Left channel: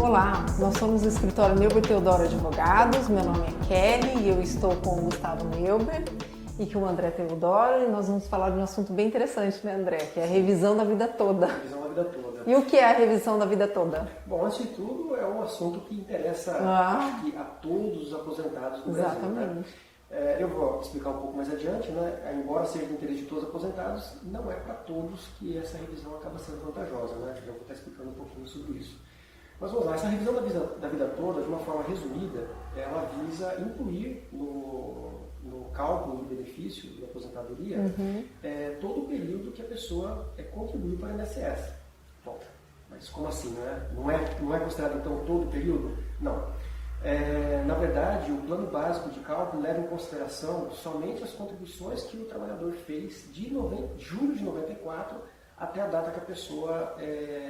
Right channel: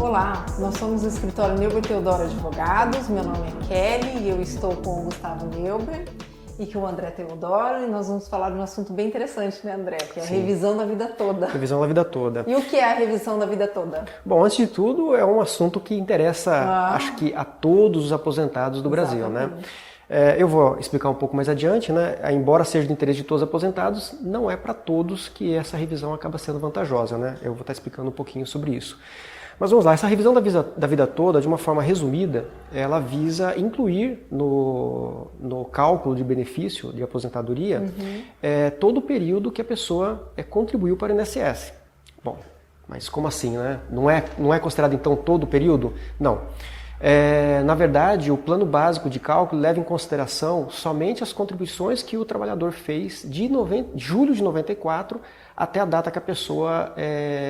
Olá, nós somos o escritório Neuber Teodoro Advogados, meu nome é Kelly e eu estou com o Gustavo Neuber e com o André Teodoro e nós vamos falar de um assunto bem interessante, né, André? Que é a revisão da vida toda. Revisão da vida toda. E o que é a revisão da vida toda? Bom, antes de tudo, é um assunto que interessa, acho que a todos os aposentados do Brasil, né? Eu vou explicar um pouco mais adiante, né? Embora seja de interesse de todos os aposentados, não é para todos que essa revisão acaba sendo vantajosa, né? Eu vou estar explicando um pouquinho sobre isso. Mas vamos lá, essa revisão da vida toda, de uma forma resumida, ela visa incluir no cálculo de benefício de aposentadoria todo o período que a pessoa contribuiu para o INSS. Bom, mas como assim, né? Não é considerado então todo o período? Não. Na verdade, o plano básico de cálculo leva em consideração somente as contribuições que o trabalhador fez de julho de 94 até a data que a pessoa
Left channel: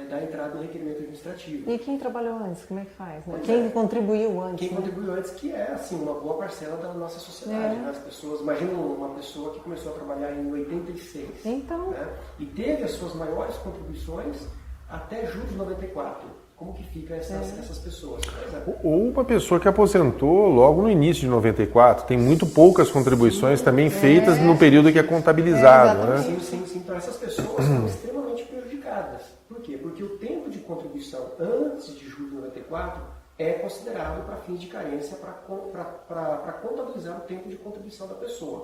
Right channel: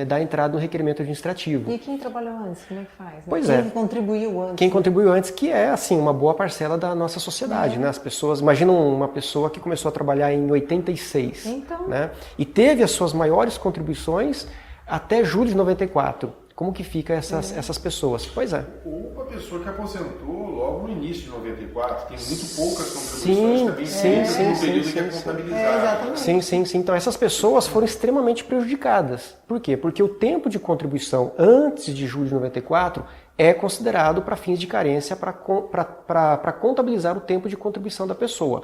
dá entrada no requerimento administrativo. E quem trabalhou antes, como é que faz? Né? Pois quem contribuiu antes? Quem contribuiu antes, que é assim, uma boa parcela da nossa sociedade. Né? As pessoas, imaginam uma pessoa que começou a trabalhar em 86, então... né? E teve as suas maiores contribuições até julho de 94. Como que fica essas pessoas? Pois é. Ou uma pessoa que aposentou logo no início de 94, tem muito poucas contribuições também feitas no período que é contabilizado. Né? Sim. Então essas pessoas foram extremamente prejudicadas. Por quê? Porque o tempo de contribuição antes de julho de 94 é considerado para fins de carência para contabilizar o tempo de contribuição da pessoa.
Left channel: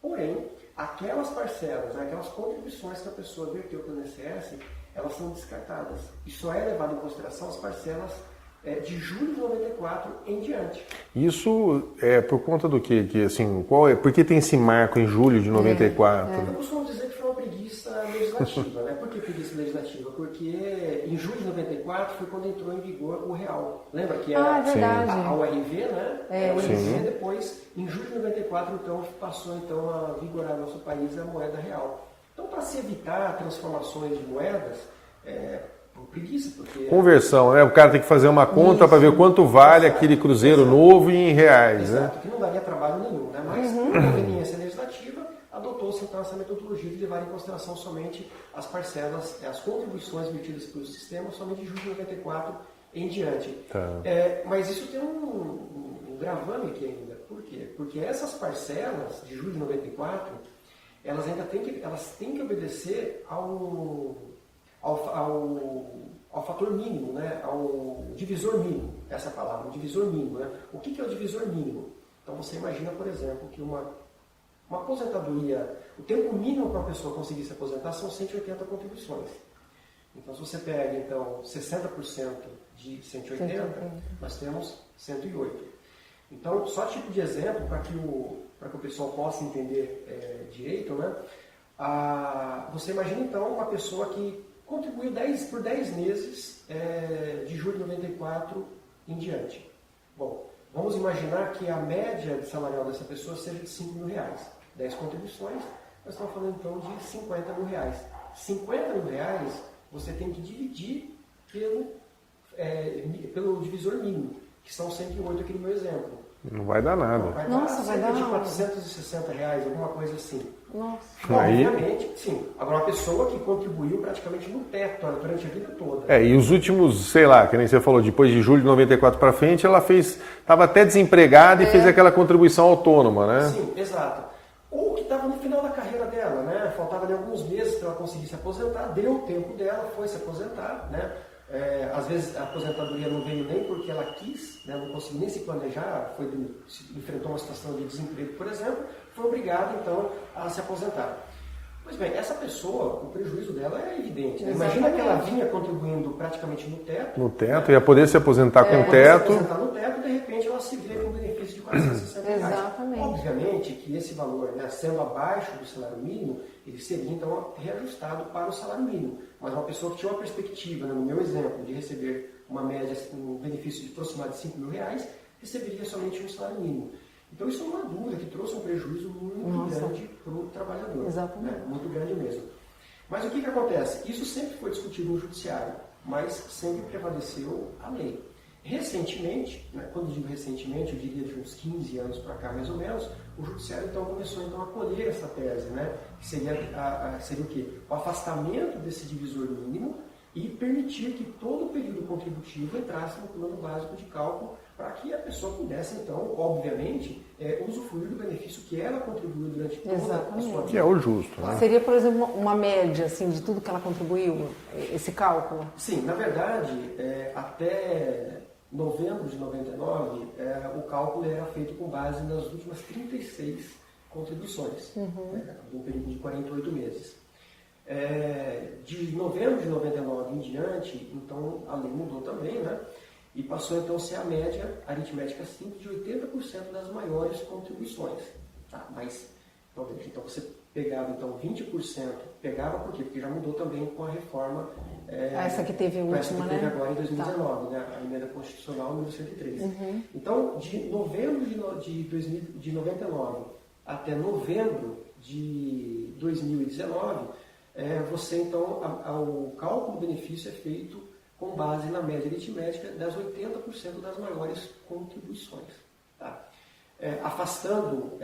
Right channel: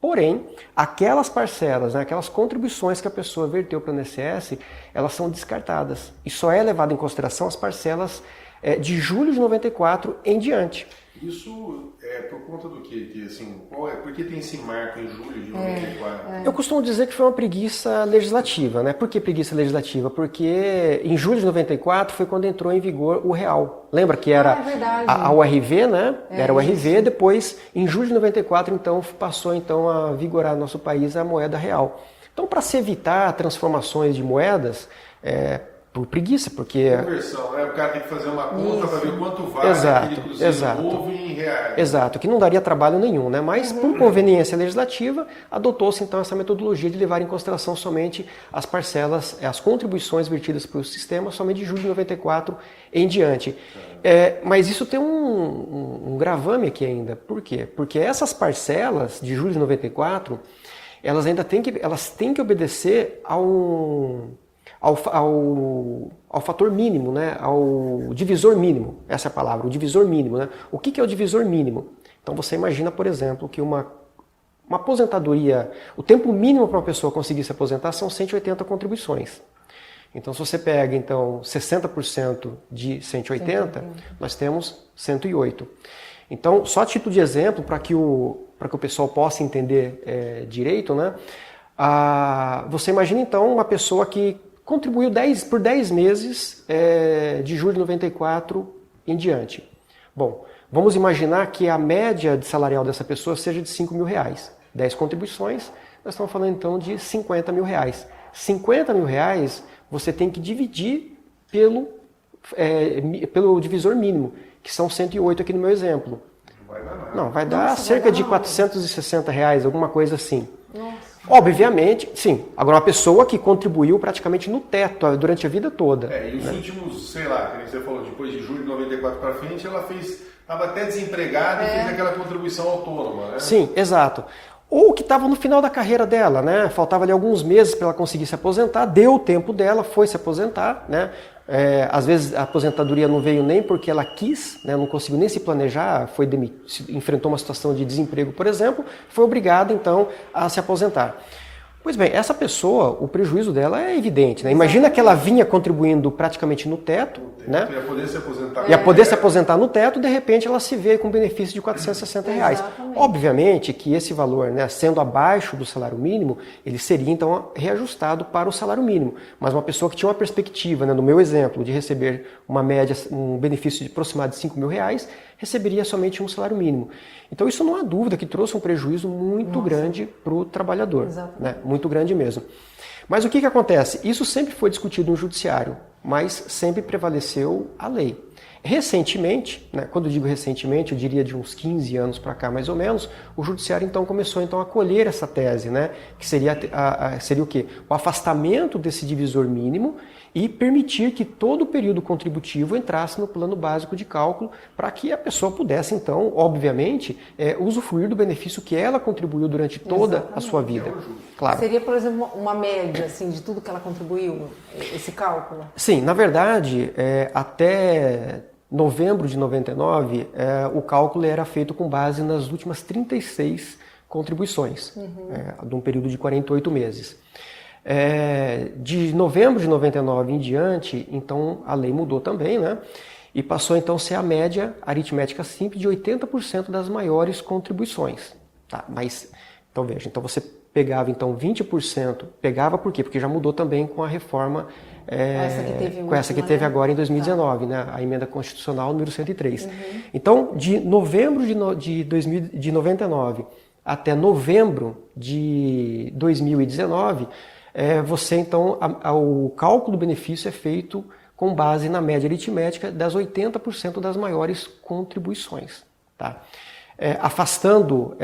Porém, aquelas parcelas, né, aquelas contribuições que a pessoa verteu para o INSS, elas são descartadas. E só é levado em consideração as parcelas de julho de 94 em diante. Isso é por conta do quê? Assim, por que tem esse marco em julho de 94? Eu costumo dizer que foi uma preguiça legislativa, né? Por que preguiça legislativa? Porque em julho de 94 foi quando entrou em vigor o real. Lembra que era a URV, né? Era o URV, depois em julho de 94 então passou então a vigorar no nosso país a moeda real. Então, para se evitar transformações de moedas, por preguiça, porque... Conversão, né? O cara tem que fazer uma conta para ver quanto vale aquele cruzeiro novo em reais. Exato, que não daria trabalho nenhum, né? Mas por conveniência legislativa, adotou-se então essa metodologia de levar em consideração somente as parcelas, as contribuições vertidas para o sistema, somente de julho de 94 em diante. Mas isso tem um gravame aqui ainda. Por quê? Porque essas parcelas de julho de 94, elas ainda têm que obedecer ao fator mínimo, né? Ao divisor mínimo, essa é a palavra, o divisor mínimo. Né? O que é o divisor mínimo? Então você imagina, por exemplo, que uma aposentadoria, o tempo mínimo para uma pessoa conseguir se aposentar são 180 contribuições. Então se você pega então 60% de 180, nós temos 108. Então, só a título de exemplo, para que o pessoal possa entender direito, né? Você imagina então uma pessoa que contribuiu por 10 meses de julho de 94 em diante. Bom, vamos imaginar que a média de salarial dessa pessoa seja de R$5.000. 10 contribuições, nós estamos falando então de R$50.000. R$50.000 você tem que dividir pelo divisor mínimo, que são 108 aqui no meu exemplo. Não vai dar nada. Não, vai dar cerca de R$460, alguma coisa assim. Nossa. Obviamente, sim. Agora, uma pessoa que contribuiu praticamente no teto durante a vida toda. E os últimos, sei lá, que nem você falou, depois de julho de 94 para frente, ela estava até desempregada e fez aquela contribuição autônoma, né? Sim, exato. Ou que estava no final da carreira dela, né? Faltava ali alguns meses para ela conseguir se aposentar, deu o tempo dela, foi se aposentar, né? Às vezes a aposentadoria não veio nem porque ela quis, né? Não conseguiu nem se planejar, enfrentou uma situação de desemprego, por exemplo, foi obrigada então a se aposentar. Pois bem, essa pessoa, o prejuízo dela é evidente, né? Imagina que ela vinha contribuindo praticamente no teto. Né? Ia poder se aposentar com o teto. Ia poder se teto. aposentar no teto, de repente ela se vê com benefício de R$460. Exatamente. Obviamente que esse valor, né, sendo abaixo do salário mínimo, ele seria então reajustado para o salário mínimo. Mas uma pessoa que tinha uma perspectiva, né, no meu exemplo, de receber uma média, um benefício de aproximado de R$5.000, receberia somente um salário mínimo. Então isso não há dúvida que trouxe um prejuízo muito grande para o trabalhador, né? Muito grande mesmo. Mas o que acontece? Isso sempre foi discutido no judiciário, mas sempre prevaleceu a lei. Recentemente, né, quando eu digo recentemente, eu diria de uns 15 anos para cá mais ou menos, o Judiciário então começou então, a acolher essa tese, né, que seria o quê? O afastamento desse divisor mínimo e permitir que todo o período contributivo entrasse no plano básico de cálculo para que a pessoa pudesse, então, obviamente, usufruir do benefício que ela contribuiu durante toda a sua vida. É o justo. Claro. Seria, por exemplo, uma média assim, de tudo que ela contribuiu, esse cálculo? Sim, na verdade, até novembro de 99, o cálculo era feito com base nas últimas 36 contribuições, de um período de 48 meses. De novembro de 99 em diante, então a lei mudou também, né? E passou então a ser a média aritmética simples de 80% das maiores contribuições. Tá? Mas, então veja, então você pegava então 20%, pegava por quê? Porque já mudou também com a reforma, essa que teve, essa que teve agora em 2019, né? A emenda constitucional número 103. Então, de novembro de 99 até novembro de 2019, você então, o cálculo do benefício é feito com base na média aritmética das 80% das maiores contribuições. Tá? Afastando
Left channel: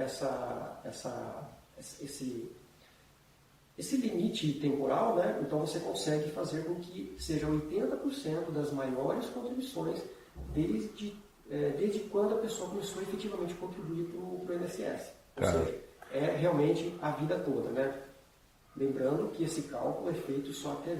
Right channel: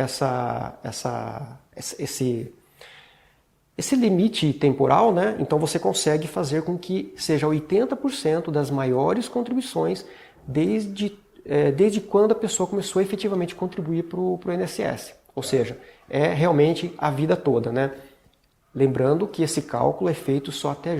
esse limite temporal, né? Então você consegue fazer com que seja 80% das maiores contribuições desde quando a pessoa começou a efetivamente contribuir para o INSS. Ou seja, é realmente a vida toda, né? Lembrando que esse cálculo é feito só até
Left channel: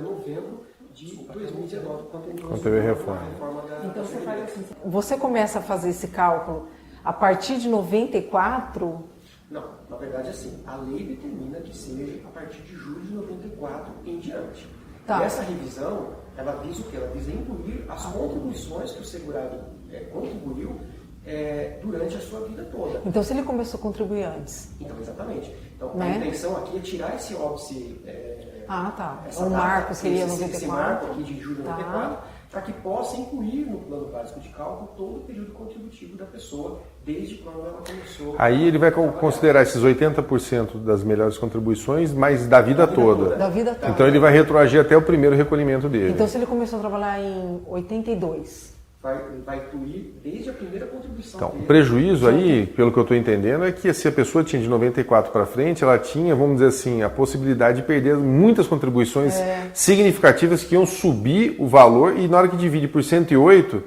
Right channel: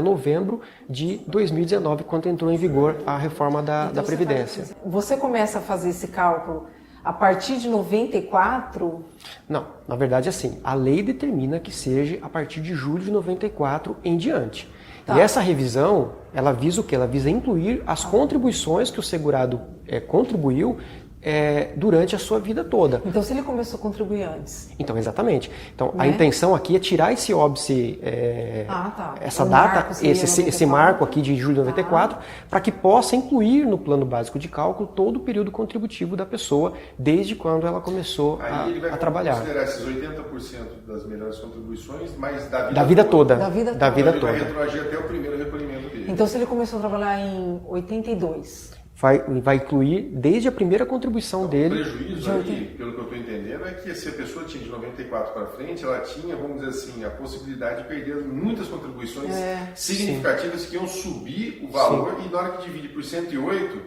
novembro de 2019, quando entrou em vigor a reforma da Previdência. Você começa a fazer esse cálculo a partir de 94? Não, na verdade assim, a lei determina que seja a partir de julho de 94 em diante. Tá. E essa revisão, ela visa o quê? Ela visa incluir as contribuições que o segurado contribuiu durante a sua vida toda. Então, se ele começou a contribuir antes. Então, exatamente. Então, a intenção aqui é tirar esse óbice, essa o data, marco esse marco aqui de julho de 94, para que possa incluir no plano básico de cálculo todo o período contributivo da pessoa, desde quando ela começou Aí ele vai considerar esses 80% das melhores contribuições, mas da vida toda. Da vida toda. Então ele vai retroagir até o primeiro recolhimento dele. Então, se ele começou a trabalhar em 82... Vai incluir desde a primeira contribuição dele. O prejuízo aí, pelo que eu estou entendendo, é que se a pessoa tinha de 94 para frente, ela tinha, vamos dizer assim, a possibilidade de perder muitas contribuições significativas que iam subir o valor e na hora que divide por 108,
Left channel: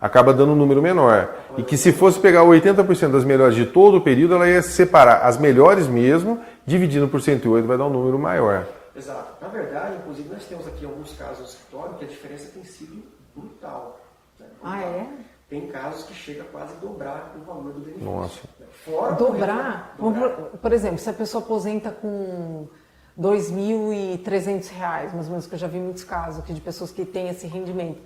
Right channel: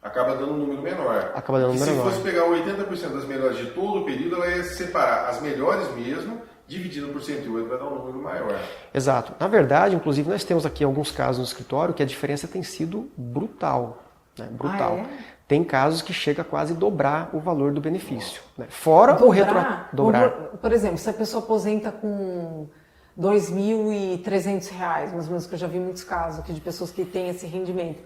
acaba dando um número menor. E que se fosse pegar 80% das melhores de todo o período, ela ia separar as melhores mesmo, dividindo por 108 vai dar um número maior. Exato. Na verdade, inclusive, nós temos aqui alguns casos no escritório que a diferença tem sido brutal. Brutal. Tem casos que chega a quase dobrar o valor do benefício. Né? Fora dobrar? Por exemplo, se a pessoa aposenta com R$ 2.300, mais ou menos, que eu já vi muitos casos aqui de pessoas que têm esse rendimento,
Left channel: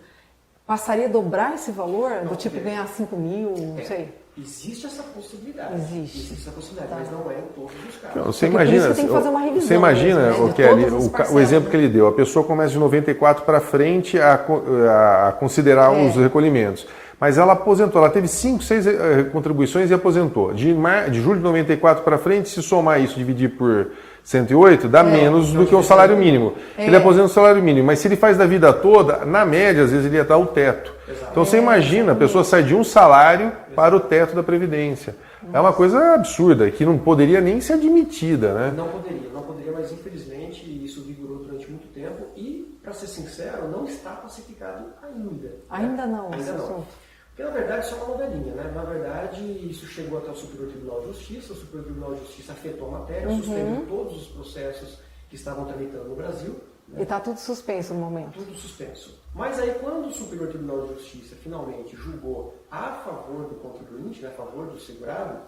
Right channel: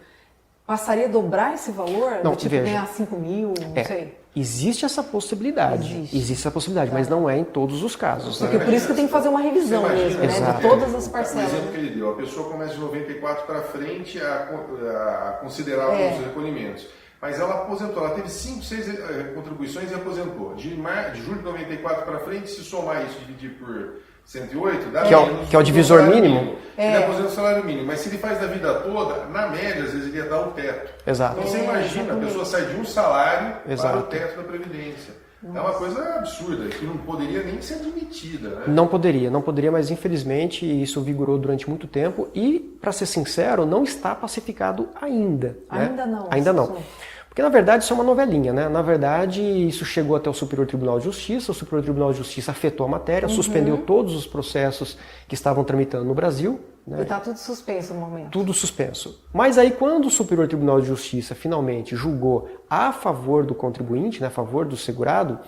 passaria a dobrar esse valor? Não, do tipo ganhar 5 mil, não sei? Existe essa possibilidade. Existe essa possibilidade, mas não é em todos os casos. Porque por isso que tem que fazer uma revisão. Você imagina mesmo, de todas as parcelas. O exemplo que ele deu, a pessoa começa de 94 para frente a considerar os recolhimentos. Mas ela aposentou, ela teve 5, 6 contribuições e aposentou. De julho de 94 para frente, se somar isso, dividir por 108, dá menos do que o salário mínimo. Ele aposenta o salário mínimo, mas se ele faz da vida toda, na média, às vezes ele ia dar o teto. Exato. Então você imagina, a pessoa sai de um salário para o teto da Previdência. É uma coisa absurda, que não poderia nem ser admitida, né? Não poderia, mas infelizmente isso vigorou durante muito tempo e, para ser sincero, não está pacificado ainda. Ainda não. Ainda não. Porque, na verdade, isso é uma novelinha, né? Na verdade, isso chegou até o Superior Tribunal de Justiça, o Superior Tribunal de Justiça afetou a matéria, suspendeu todos os processos que estavam tramitando no Brasil. Né? E está tudo suspenso no momento. Tudo suspenso. Mas aí, quando o Superior Tribunal de Justiça finalmente julgou a favor do contribuinte, né, a favor do segurado,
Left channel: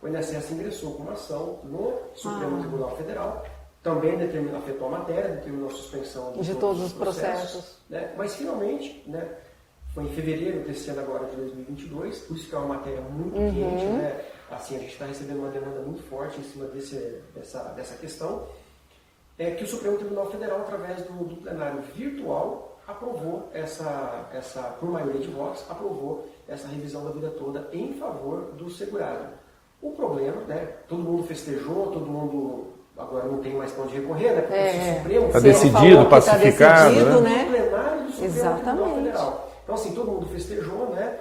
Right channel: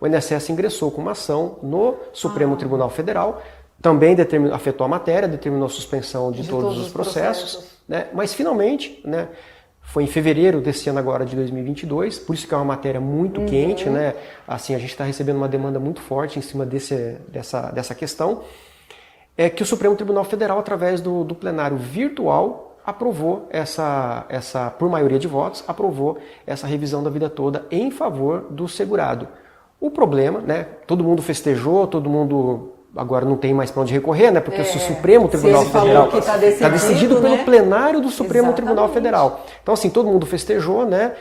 o INSS ingressou com uma ação no Supremo Tribunal Federal, também afetou a matéria, determinou a suspensão de todos os processos. Né? Mas, finalmente, né, foi em fevereiro desse ano agora de 2022, por isso que é uma matéria muito quente, né? Assim, a gente está recebendo uma demanda muito forte em cima dessa questão, é que o Supremo Tribunal Federal, através do plenário virtual, aprovou por maioria de votos, aprovou essa revisão da vida toda em favor do segurado. O problema, né? Todo mundo festejou, todo mundo agora não tem mais para onde recorrer, né? Porque se o Supremo se ele falou que está decidido, né? No plenário do Supremo Exatamente. Tribunal Federal. Então, assim, todo mundo festejou, né?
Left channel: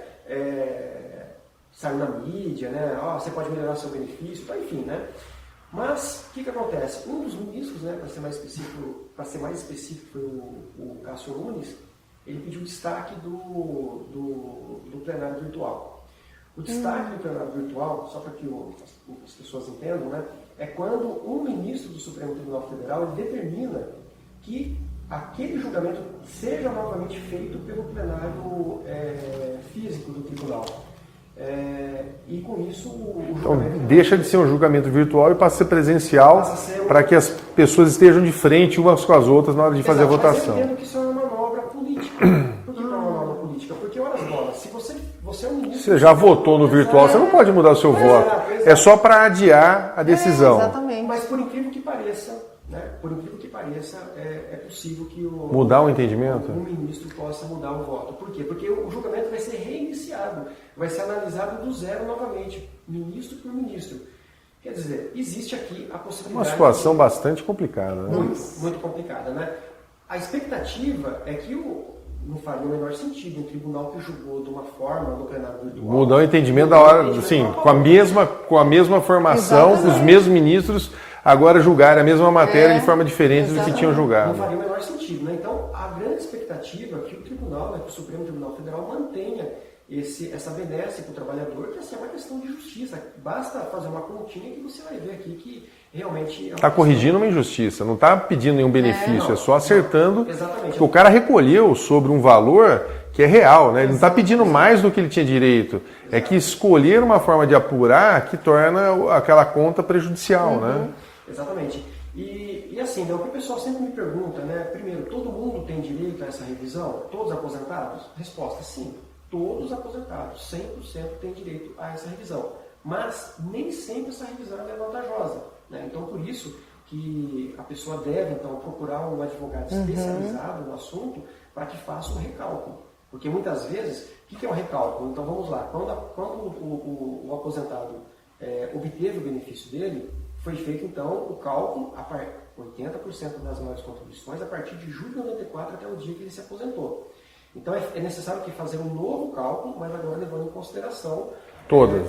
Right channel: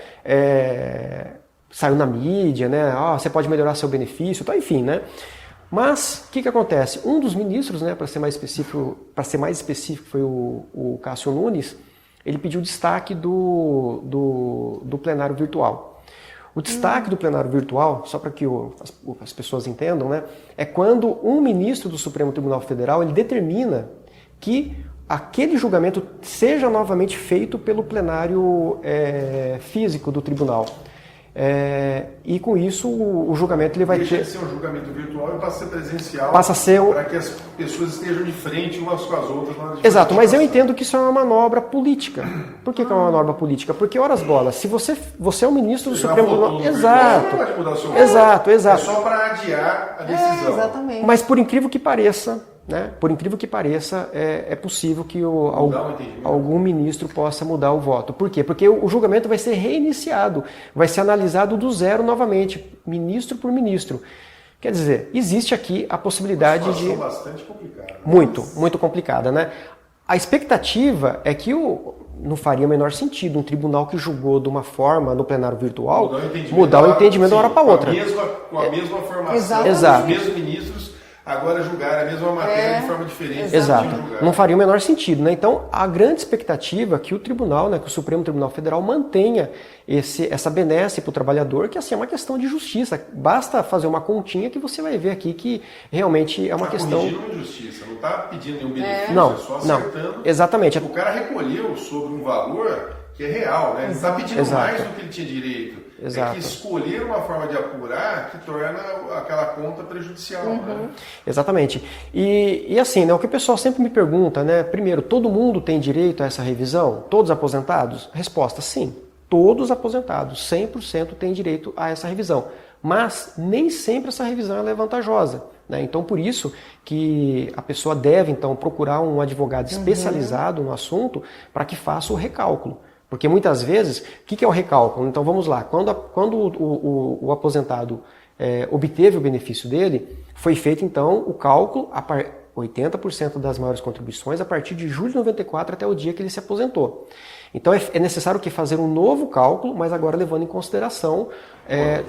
Saiu na mídia, né? Você pode melhorar seu benefício, tá, enfim, né? Mas o que acontece? Um dos ministros, né, para ser mais específico, foi o Cássio Nunes. Ele pediu destaque do plenário virtual. O destaque do plenário virtual, só para que as pessoas entendam, né, é quando um ministro do Supremo Tribunal Federal ele determina que aquele julgamento seja novamente feito pelo plenário físico do tribunal. E com isso o julgamento ele vai deixa de ser um julgamento virtual e passa a ser presencial, passa a ser para que as pessoas estejam de frente umas com as outras na hora de fazer a votação. Mas eu entendo que isso é uma manobra política. Por que é uma manobra política? Porque, horas bolas, se você é um ministro... Você já votou no virtual, você não pode mudar o seu voto. Exato. É só para adiar a decisão. Exatamente. Mas por incrível que pareça, é possível que mudar o entendimento? Algum ministro possa mudar o voto. Por quê? Porque o julgamento vai ser reiniciado, vai ser analisado do zero novamente, ministro por ministro. Quer dizer, existe aqui a possibilidade uma situação bastante complicada. Né? Muito complicada, né? A expectativa é que não faria o menor sentido um tribunal que julgou de uma forma no plenário virtual mudar o entendimento da hora para outra. Com a mesma formação, Exato. os mesmos ministros agora julgaram a mesma matéria de forma diferente do que tinham julgado. Não faria o menor sentido, né? Então, a grande expectativa é que o tribunal, né, que o Supremo Tribunal Federal mantenha essa benesse para o trabalhador, que assim é uma questão de justiça. Basta fazer uma continha que você vai ver aqui que realmente é uma questão... Está corrigindo uma injustiça, não está pedindo nenhum benefício, é só acertando. Exatamente. O cara recolheu sobre um valor que é real, né? Ele não está pedindo mais do que ele tinha direito. Exato. É que escolher uma forma de apurar que torna aquela conta prejudicial, né? Exatamente. E assim, né, o que o pessoal sempre me pergunta, né? Primeiro, todo mundo tem direito a essa revisão? Todos aposentados? Resposta, sim. Todos aposentados, 100% têm direito a essa revisão. Mas nem sempre essa revisão ela é vantajosa, né? Então, por isso que a pessoa deve, então, procurar um advogado especializado no assunto para que faça o recálculo. Porque muitas vezes, o que é o recálculo? Então vamos lá, quando o aposentado obteve o benefício dele, foi feito então o cálculo, 80% das maiores contribuições a partir de julho de 94 até o dia que ele se aposentou. Então é necessário fazer um novo cálculo, mas agora levando em consideração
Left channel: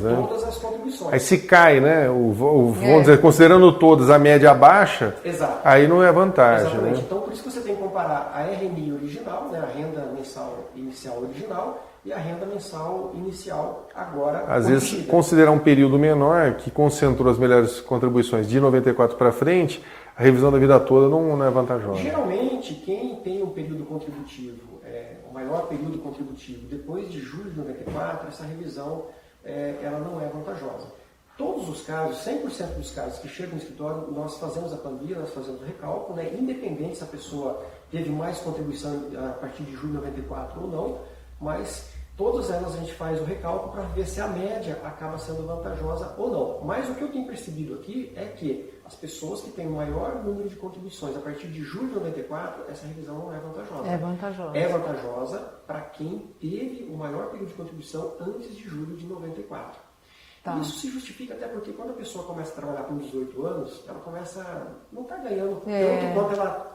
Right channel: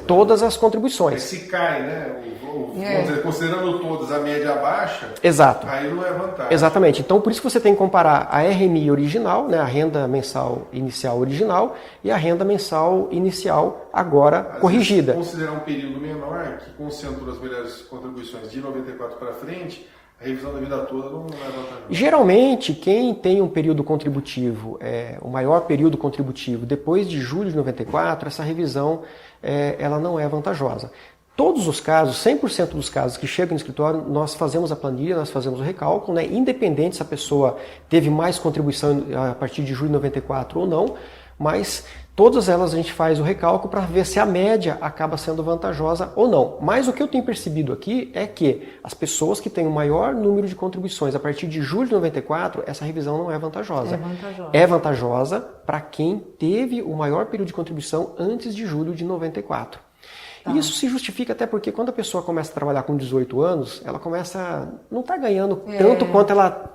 todas as contribuições. Aí se cai, né? Vamos dizer, considerando todas a média baixa, exato. Aí não é vantagem. Exatamente. Né? Então por isso que você tem que comparar a RMI original, né, a renda mensal inicial original, e a renda mensal inicial agora às corrigida. Vezes, considerar um período menor que concentrou as melhores contribuições de 94 para frente, a revisão da vida toda não é vantajosa. Geralmente, quem tem um período contributivo, o maior período contributivo, depois de julho de 94, essa revisão ela não é vantajosa. Todos os casos, 100% dos casos que chegam no escritório, nós fazemos a planilha, nós fazemos o recálculo, né, independente se a pessoa teve mais contribuição a partir de julho de 94 ou não, mas todas elas a gente faz o recálculo para ver se a média acaba sendo vantajosa ou não. Mas o que eu tenho percebido aqui é que as pessoas que têm o maior número de contribuições a partir de julho de 94, essa revisão não é vantajosa. É vantajosa. É vantajosa para quem teve o maior período de contribuição antes de julho de 94. Tá. E isso se justifica até porque quando a pessoa começa a trabalhar com 18 anos, ela não está ganhando tanto quanto ela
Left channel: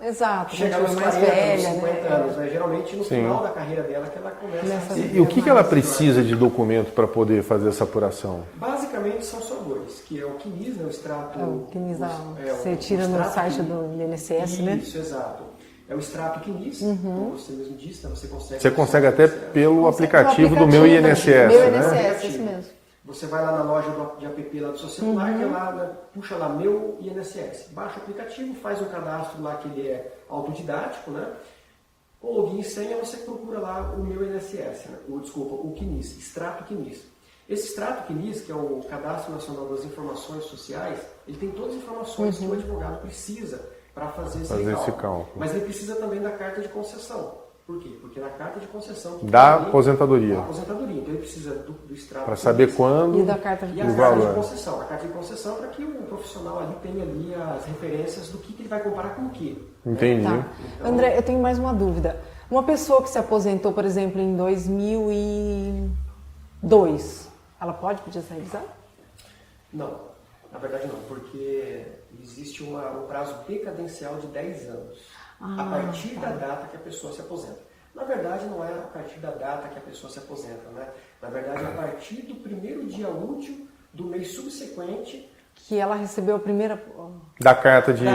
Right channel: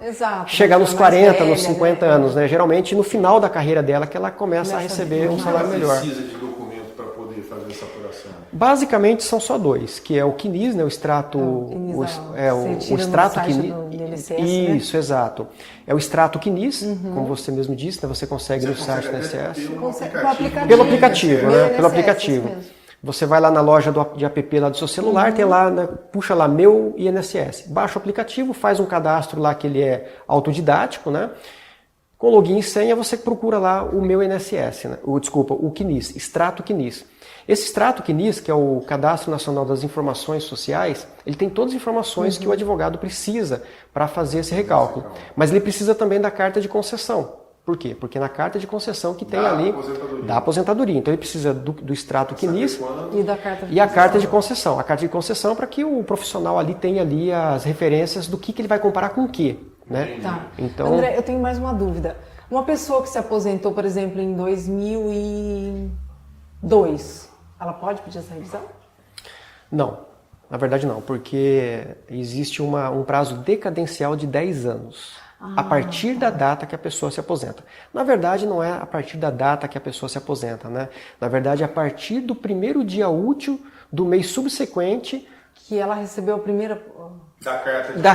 chegar nos 40, velha, nos 50 anos. Né? Geralmente no final da carreira dela que ela começa a receber. E o que ela precisa de documento para poder fazer essa apuração? Basicamente são só dois, que é o CNIS, né? O extrato... você tira no site do INSS, né? Isso, exato. É o extrato CNIS, como você mesmo disse, né? Você consegue até pelo aplicativo do meu INSS. Pelo aplicativo. Você vai lá na loja de app lá do seu celular, tem lá, né, puxa lá meu INSS. Baixa o aplicativo, faz um cadastro lá que ele é autodidático, né? Com login e senha você procura lá o meu INSS, né? O CNIS, extrato CNIS. Esse extrato CNIS, que é o Cadastro Nacional das Informações Sociais, ele tem todas as informações que o advogado precisa para fazer esse recálculo. Mas ele precisa também da carta de concessão. Por quê? Porque na carta de concessão que tem ali... Da aposentadoria. Então ele precisa do extrato CNIS saber quando e da carta de a carta de concessão. A carta de concessão para que o profissional ali tenha ali as referências do que ele vai comparar com o quê. Né? Tá. Então... André, eu tenho mais uma dúvida. Uma pessoa que se aposentou, por exemplo, em 2002, ela pode pedir essa revisão? Não. Na verdade não, porque existe um prazo decadencial de 10 anos. A partir da data que a pessoa se aposenta. Na verdade, não é a partir da data que a pessoa se aposenta, né? Na verdade, é a partir do primeiro dia útil do mês subsequente que ela recebeu a primeira... Da carta de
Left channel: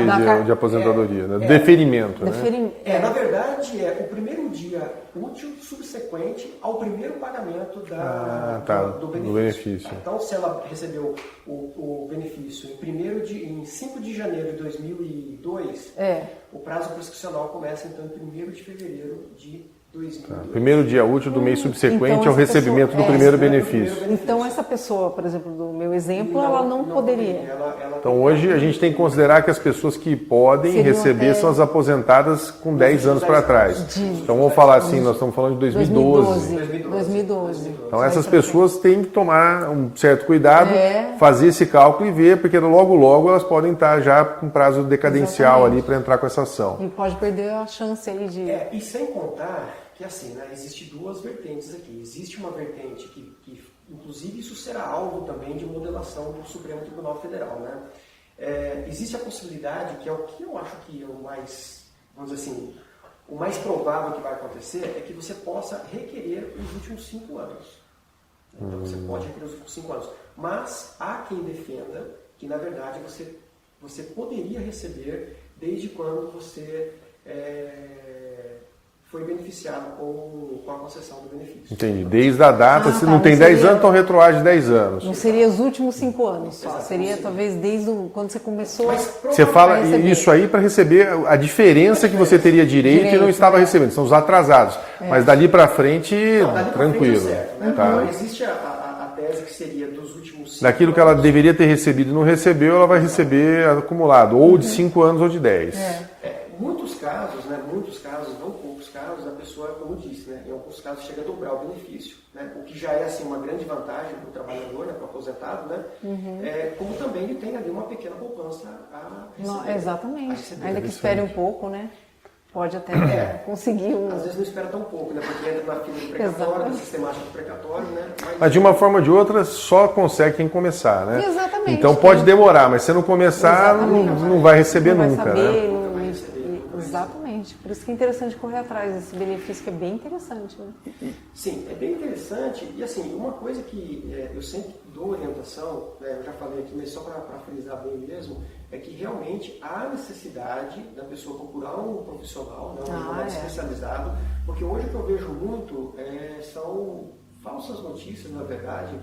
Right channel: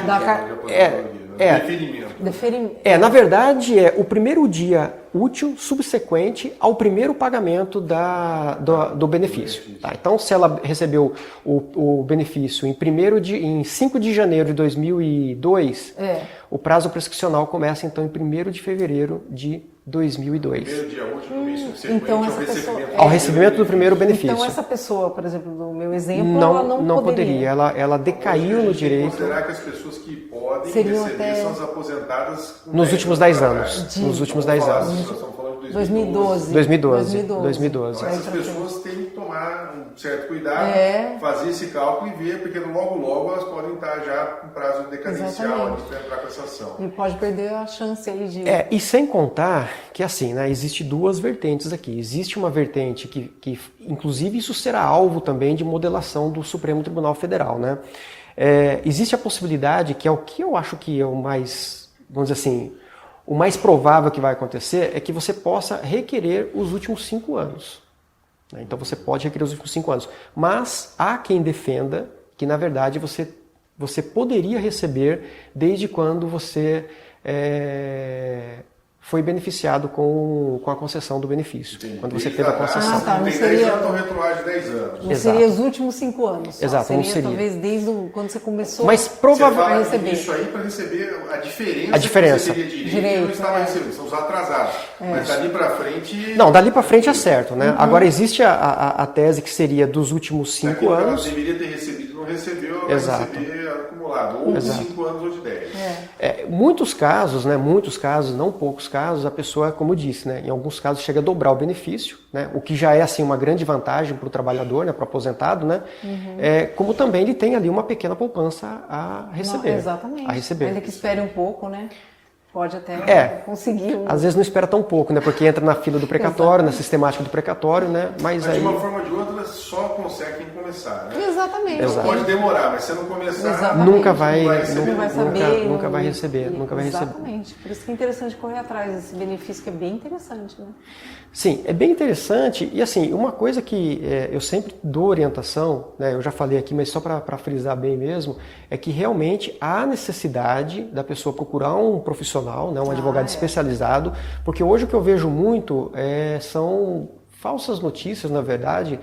aposentadoria, deferimento. Né? Na verdade, é o primeiro dia útil subsequente ao primeiro pagamento do benefício. Tá? Então, se ela recebeu o benefício em 5 de janeiro de 2002, o prazo prescricional começa, então, em 1º de fevereiro de 2002. Primeiro dia útil do mês subsequente então ao recebimento do primeiro benefício. Então essa pessoa, por exemplo, do meu exemplo, ela não poderia. Ela então hoje a gente tem que considerar que as pessoas que podem receber são as aposentadas com 10 anos para trás. Então vamos falar assim, nós estamos falando de 2012. 2012. Então essas pessoas têm que tomar um certo cuidado, fazer esse cálculo e ver, porque logo elas podem estar já com prazo decadencial ali para entrar com essa ação. E pode perder a chance aí de... E sem contar que assim, né, existe duas vertentes aqui. Existe uma vertente que inclusive isso será alvo também de modelação do Supremo Tribunal Federal, né? Existe a possibilidade, que é o que eu acho que é o mais, vamos dizer assim, o mais provável que vai acontecer, é que você possa requerer os últimos 5 anos. Então você pode requerer os últimos 5 anos. Mas há quem defenda que, na verdade, você poderia receber desde quando você foi beneficiado com a concessão do benefício. Entendi. Desde a data, se não tem 10 anos, então retroage 10 anos. Não seria os últimos 5 anos. Exato. Seria talvez desde quando você começou Mas você fala isso aí para receber a diferença que você teria direito e não estava recebendo. São os atrasados. Mas dali para frente... Não, dali para frente é certo, né? Agora existe a tese que seria dos últimos 5 anos... Daquilo que ela deveria ter recebido e não recebeu, ela vai receber acumulado. Ou de 5 anos ou de 10. Muitos casos, né? Muitos casos, não poucos casos, a pessoa, como eu disse, né? Em alguns casos chega a dobrar o benefício, né? O que já é assim uma grande vantagem para o trabalhador, né? Para o aposentado, né? Como também ele tem ali uma pequena poupança a receber. Exatamente. A receber. Ainda que espere um pouco, né? Pode até conseguir. Às vezes não espera tão pouco, né? Porque entra na fila do precatório, na sistemática do precatório, né? Mas de uma forma ou de outra, só consegue quem começar, né? Exatamente. Então pode demorar, mas se não começar, não vai receber nunca. Nunca vai receber. Exatamente. Por isso que é interessante correr atrás desse benefício, que é bem interessante, né? Sim, é bem interessante. E assim, uma coisa que eu sempre dou orientação, né? Eu já falei aqui, mas só para frisar bem mesmo, é que realmente há necessidade da pessoa procurar um profissional, né, um advogado especializado, porque hoje o que eu vejo muito são falsas notícias, na verdade,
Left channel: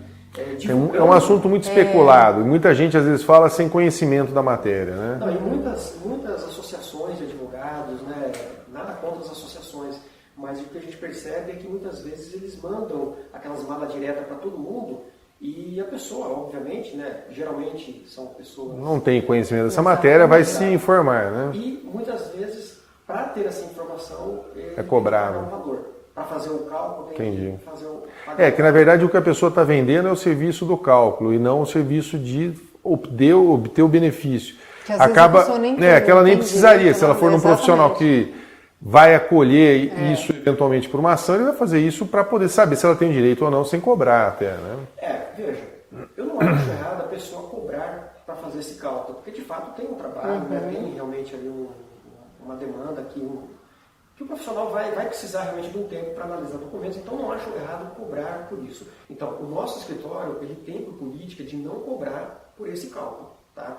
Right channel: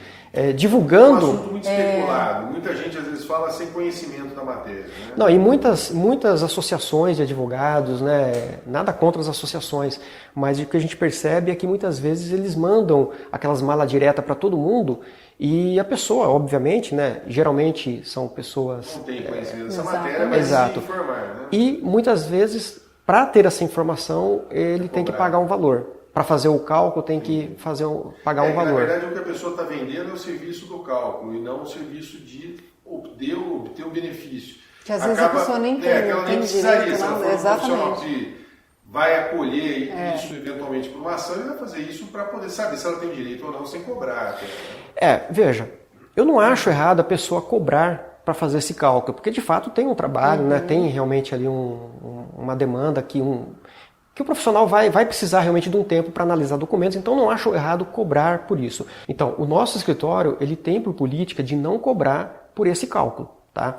divulgando... É um assunto muito especulado, muita gente às vezes fala sem conhecimento da matéria, né? Não, e muitas associações de advogados, né, nada contra as associações, mas o que a gente percebe é que muitas vezes eles mandam aquelas malas diretas para todo mundo. E a pessoa, obviamente, né, geralmente são pessoas... Não tem conhecimento dessa matéria, vai se informar, né? E muitas vezes, para ter essa informação, ele tem que pagar um valor. Para fazer o cálculo, tem que pagar um valor. Que na verdade o que a pessoa está vendendo é o serviço do cálculo e não o serviço de obter o benefício. Que às vezes a pessoa nem tem, que ela nem precisaria. Direito, se ela for um profissional que vai acolher isso eventualmente por uma ação, ele vai fazer isso para poder saber se ela tem direito ou não, sem cobrar até. Né? Veja, eu não acho errado a pessoa cobrar para fazer esse cálculo, porque de fato tem um trabalho, né? Tem realmente ali uma demanda que o profissional vai precisar realmente de um tempo para analisar documentos, então não acho errado cobrar por isso. Então, o nosso escritório, ele tem por política de não cobrar por esse cálculo, tá?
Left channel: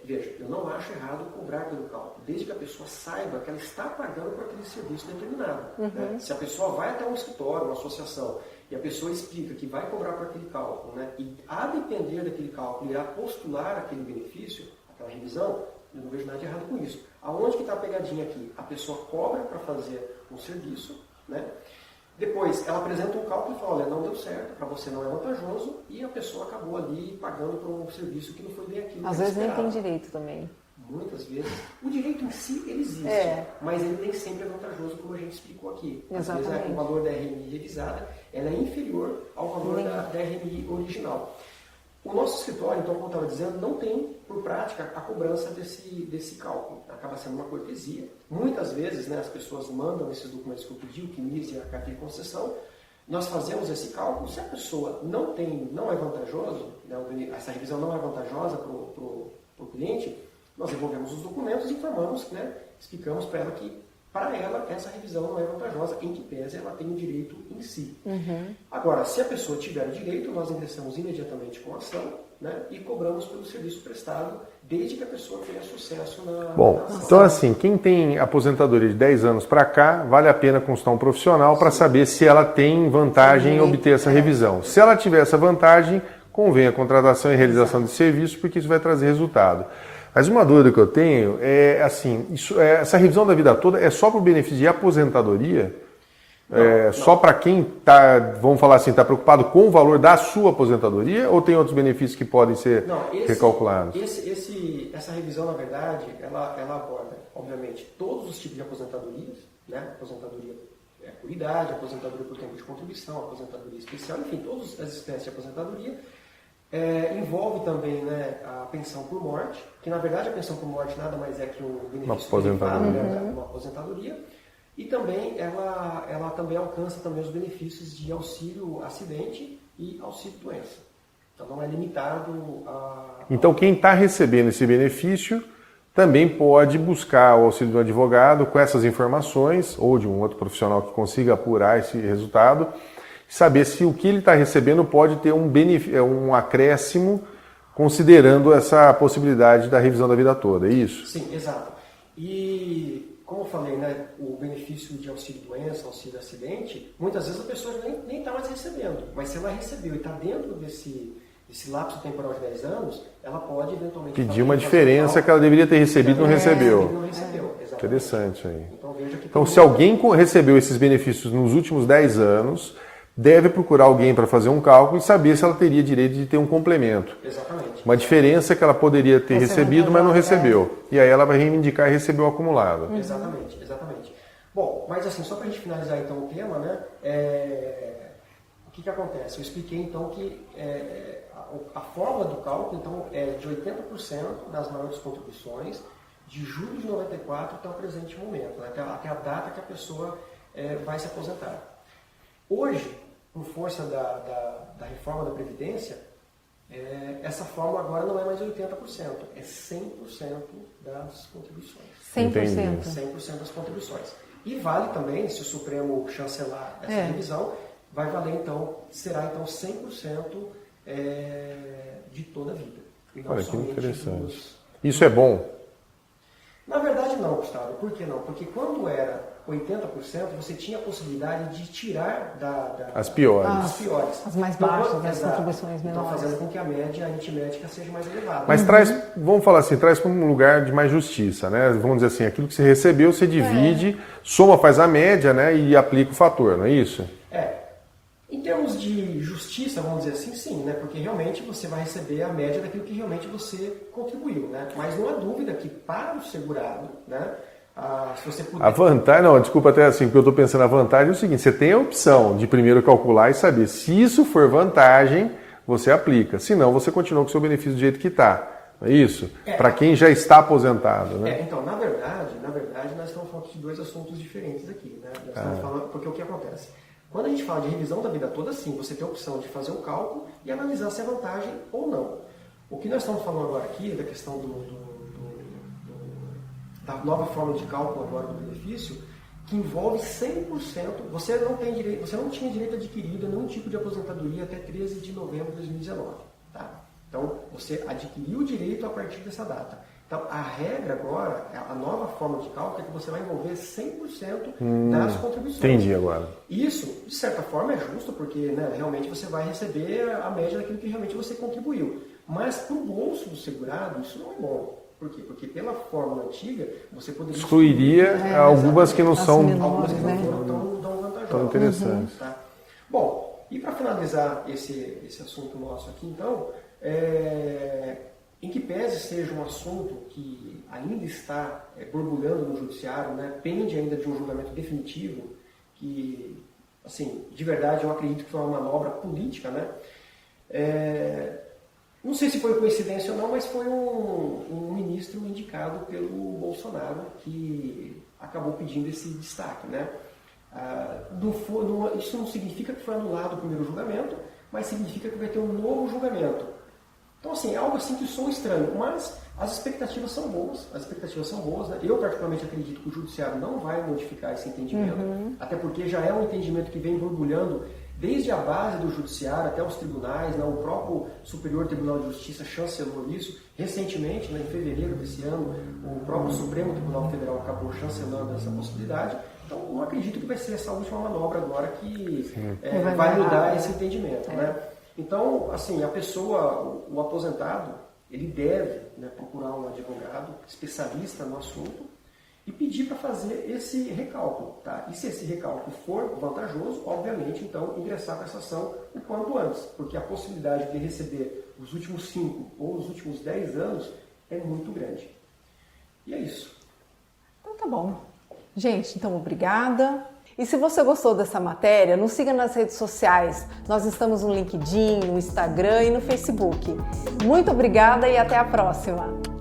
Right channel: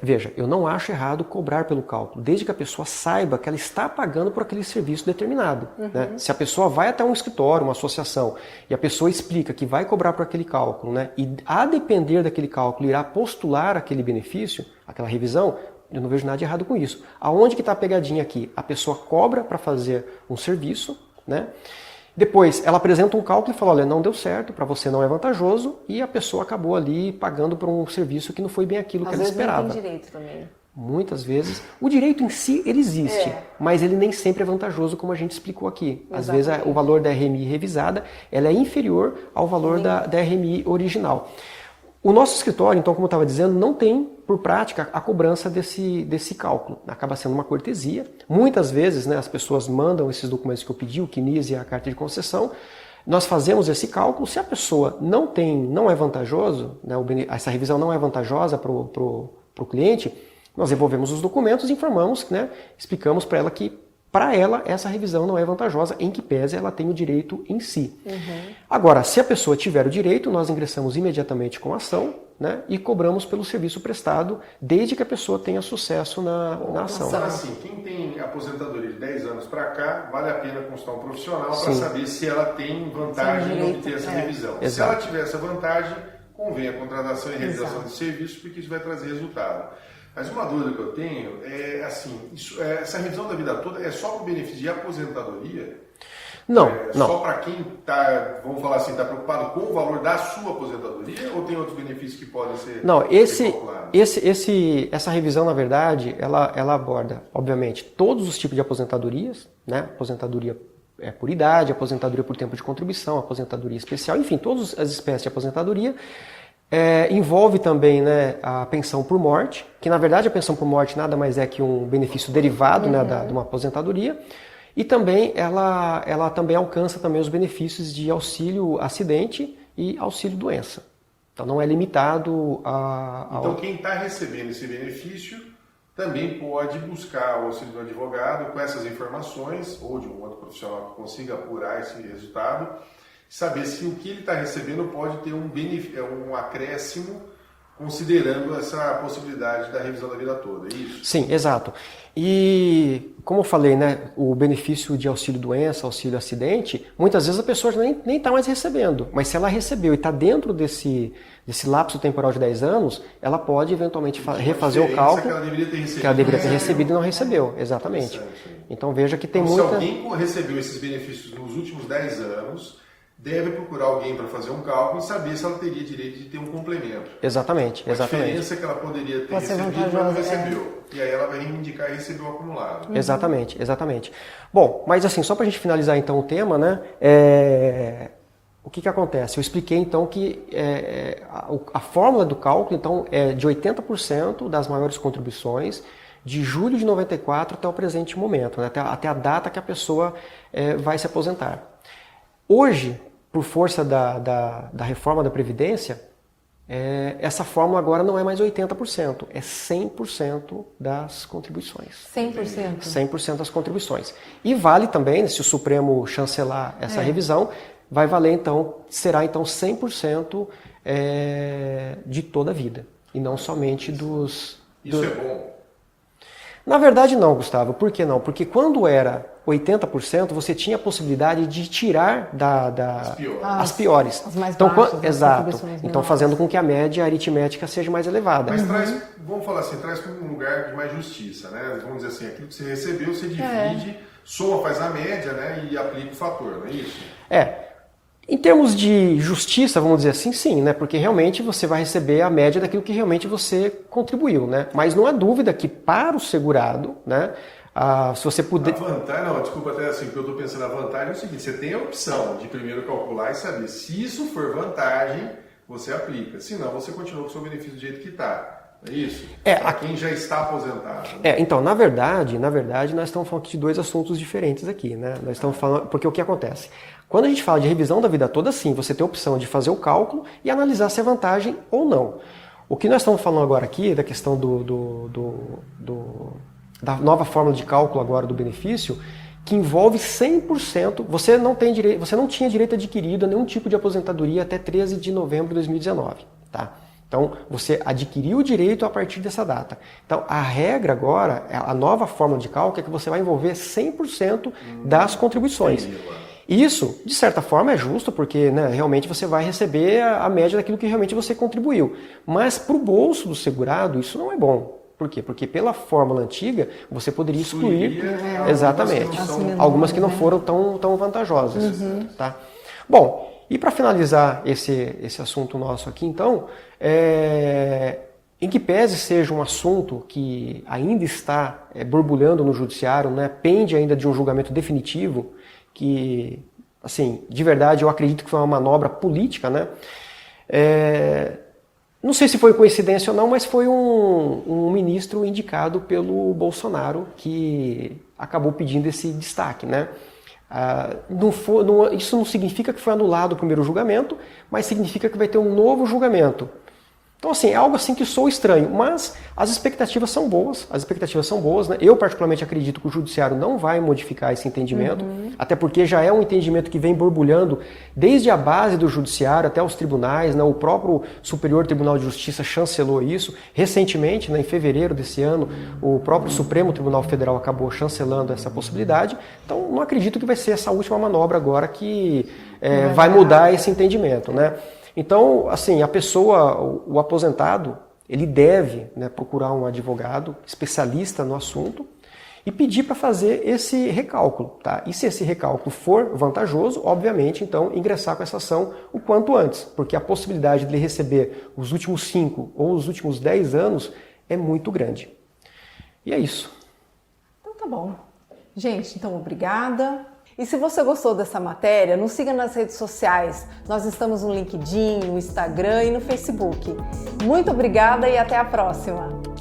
Veja, eu não acho errado cobrar pelo cálculo, desde que a pessoa saiba que ela está pagando por aquele serviço determinado. Né? Se a pessoa vai até um escritório, uma associação, e a pessoa explica que vai cobrar por aquele cálculo, né? E a depender daquele cálculo irá postular aquele benefício, aquela revisão, eu não vejo nada de errado com isso. Aonde que está a pegadinha aqui? A pessoa cobra para fazer um serviço, né? Depois, ela apresenta um cálculo e fala, olha, não deu certo, para você não é vantajoso, e a pessoa acabou ali pagando por um serviço que não foi bem aquilo que ela esperava. Às vezes não tem direito também. Muitas vezes. O direito em si, ele existe, mas ele nem sempre é vantajoso, como a gente explicou aqui. Às vezes, o valor da RMI revisada ela é inferior ao valor da RMI original. O nosso escritório, então, como eu estava dizendo, não tem, por prática, a cobrança desse cálculo. Acaba sendo uma cortesia. Muitas vezes, né, as pessoas mandam esses documentos que eu pedi, o CNIS e a carta de concessão, nós fazemos esse cálculo. Se a pessoa não é vantajoso, né, essa revisão não é vantajosa para o cliente, nós devolvemos os documentos e informamos, né, explicamos para ela que para ela essa revisão não é vantajosa, em que pese ela tem o direito em si. Agora, se a pessoa tiver o direito, nós ingressamos imediatamente com a ação, né, e cobramos pelo serviço prestado, desde que a pessoa tenha sucesso na ação. Então assim, quem tem aposentadoria de 10 anos para cá, vale a pena consultar um profissional para saber se ela tem vantagem em obter essa revisão. Se ela tiver essa vantagem, convém a contratação e realização de serviço, porque isso vai trazer resultado. Mas uma dúvida que eu tenho é assim, essa revisão da vida toda é só para o benefício de aposentadoria? Não. Só para quem está, vamos falar assim, está preocupado com o valor da sua aposentadoria, ou tem outros benefícios que podem ser recalculados? Essa revisão, na verdade, ela aborda, obviamente, todos os tipos de aposentadorias, né? Aposentadoria por idade, aposentadoria por tempo de contribuição, aposentadoria especial, enfim, todas as espécies de aposentadoria. Envolve também, né, a pensão por morte, que na verdade a pensão por morte nada mais é que um benefício derivado, né, de uma aposentadoria. E também ela também alcança também os benefícios de auxílio acidente e auxílio doença. Então não é limitado a... Então quem está recebendo esse benefício também pode buscar o auxílio do advogado com essas informações, ou de um outro profissional que consiga apurar esse resultado, saber se o que ele está recebendo pode ter um acréscimo, considerando essa possibilidade da revisão da vida toda, é isso? Sim, exato. E, como eu falei, né, o benefício de auxílio-doença, auxílio-acidente, muitas vezes a pessoa nem está mais recebendo, mas se ela recebeu e está dentro desse lapso temporal de 10 anos, ela pode eventualmente fazer uma diferença que ela deveria ter recebido e não recebeu. Exatamente. Interessante aí. Então veja que tem se alguém recebeu esses benefícios nos últimos 10 anos, deve procurar alguém para fazer um cálculo e saber se ela teria direito de ter um complemento. Exatamente. Uma diferença que ela poderia ter recebido, mas não recebeu. E aí ela vai reivindicar e receber o acumulado. Exatamente. Bom, mas assim, só para a gente finalizar então o tema, né? O que acontece? Eu expliquei então que a fórmula do cálculo então, é de 80% das maiores contribuições de julho de 94 até o presente momento, né? até a data que a pessoa vai se aposentar. Hoje, por força da reforma da Previdência, essa fórmula agora não é mais 80%, é 100% das contribuições. 100%? 100% das contribuições. E vale também, se o Supremo chancelar essa revisão, vai valer então, será então 100% de toda a vida, e não somente dos... Isso é bom? Na verdade não, Gustavo. Por que não? Porque quando era 80%, você tinha a possibilidade de tirar as piores. As mais baixas, exato. Contribuições então fazendo com que a média aritmética seja mais elevada. Mas vamos falar assim, traz para um lugar de mais justiça, né? Vamos dizer assim, aquilo que você recebeu, você divide, soma, faz a média, né? E aplica o fator, não é isso? Em termos de justiça, vamos dizer assim, sim, né? Porque realmente você vai receber a média daquilo que realmente você contribuiu, né? Mas não há dúvida que para o segurado, né? Se você puder... A vantagem, não, desculpa até assim, porque eu estou pensando, a vantagem é o seguinte, você tem a opção de primeiro calcular e saber se isso for vantagem, você aplica. Se não, você continua com o seu benefício do jeito que está. É isso? Para quem já está aposentado. Né? Então, na verdade, nós estamos falando de dois assuntos diferentes aqui, né? Nós estamos falando, porque o que acontece? Quando a gente fala de revisão da vida toda, sim, você tem a opção de fazer o cálculo e analisar se é vantagem ou não. O que nós estamos falando agora aqui, da questão da nova fórmula de cálculo agora do benefício, que envolve 100%, você não tinha direito adquirido a nenhum tipo de aposentadoria até 13 de novembro de 2019, tá? Então, você adquiriu o direito a partir dessa data. Então, a regra agora, a nova fórmula de cálculo é que você vai envolver 100% das contribuições. Entendi agora. Isso, de certa forma, é justo, porque né, realmente você vai receber a média daquilo que realmente você contribuiu. Mas para o bolso do segurado, isso não é bom. Por quê? Porque pela fórmula antiga, você poderia excluir algumas que não foram tão vantajosas. Tá? Bom, e para finalizar esse assunto nosso aqui, então, em que pese seja um assunto que ainda está borbulhando no judiciário, né, pende ainda de um julgamento definitivo, que, assim, de verdade eu acredito que foi uma manobra política, né? Não sei se foi coincidência ou não, mas foi um ministro indicado pelo Bolsonaro que acabou pedindo esse destaque, né? Isso não significa que foi anulado o primeiro julgamento, mas significa que vai ter um novo julgamento. Então, assim, é algo assim que soa estranho, mas as expectativas são boas, né? Eu, particularmente, acredito que o Judiciário não vai modificar esse entendimento, até porque já é um entendimento que vem borbulhando desde a base do Judiciário até os tribunais, né? O próprio Superior Tribunal de Justiça chancelou isso. Recentemente, né, em fevereiro desse ano, o próprio Supremo Tribunal Federal acabou chancelando essa possibilidade. Então, não acredito que vai ser essa última manobra agora que vai mudar esse entendimento, né? Então, assim, a pessoa, o aposentado, ele deve, né, procurar um advogado especialista no assunto e pedir para fazer esse recálculo, tá? E se esse recálculo for vantajoso, obviamente, então, ingressar com essa ação o quanto antes, porque a possibilidade de ele receber os últimos 5 ou os últimos 10 anos é muito grande. E é isso. Então tá bom. Gente, então obrigada. E se você gostou dessa matéria, nos siga nas redes sociais. Nós estamos no LinkedIn, no Instagram e no Facebook. Muito obrigada e até a próxima!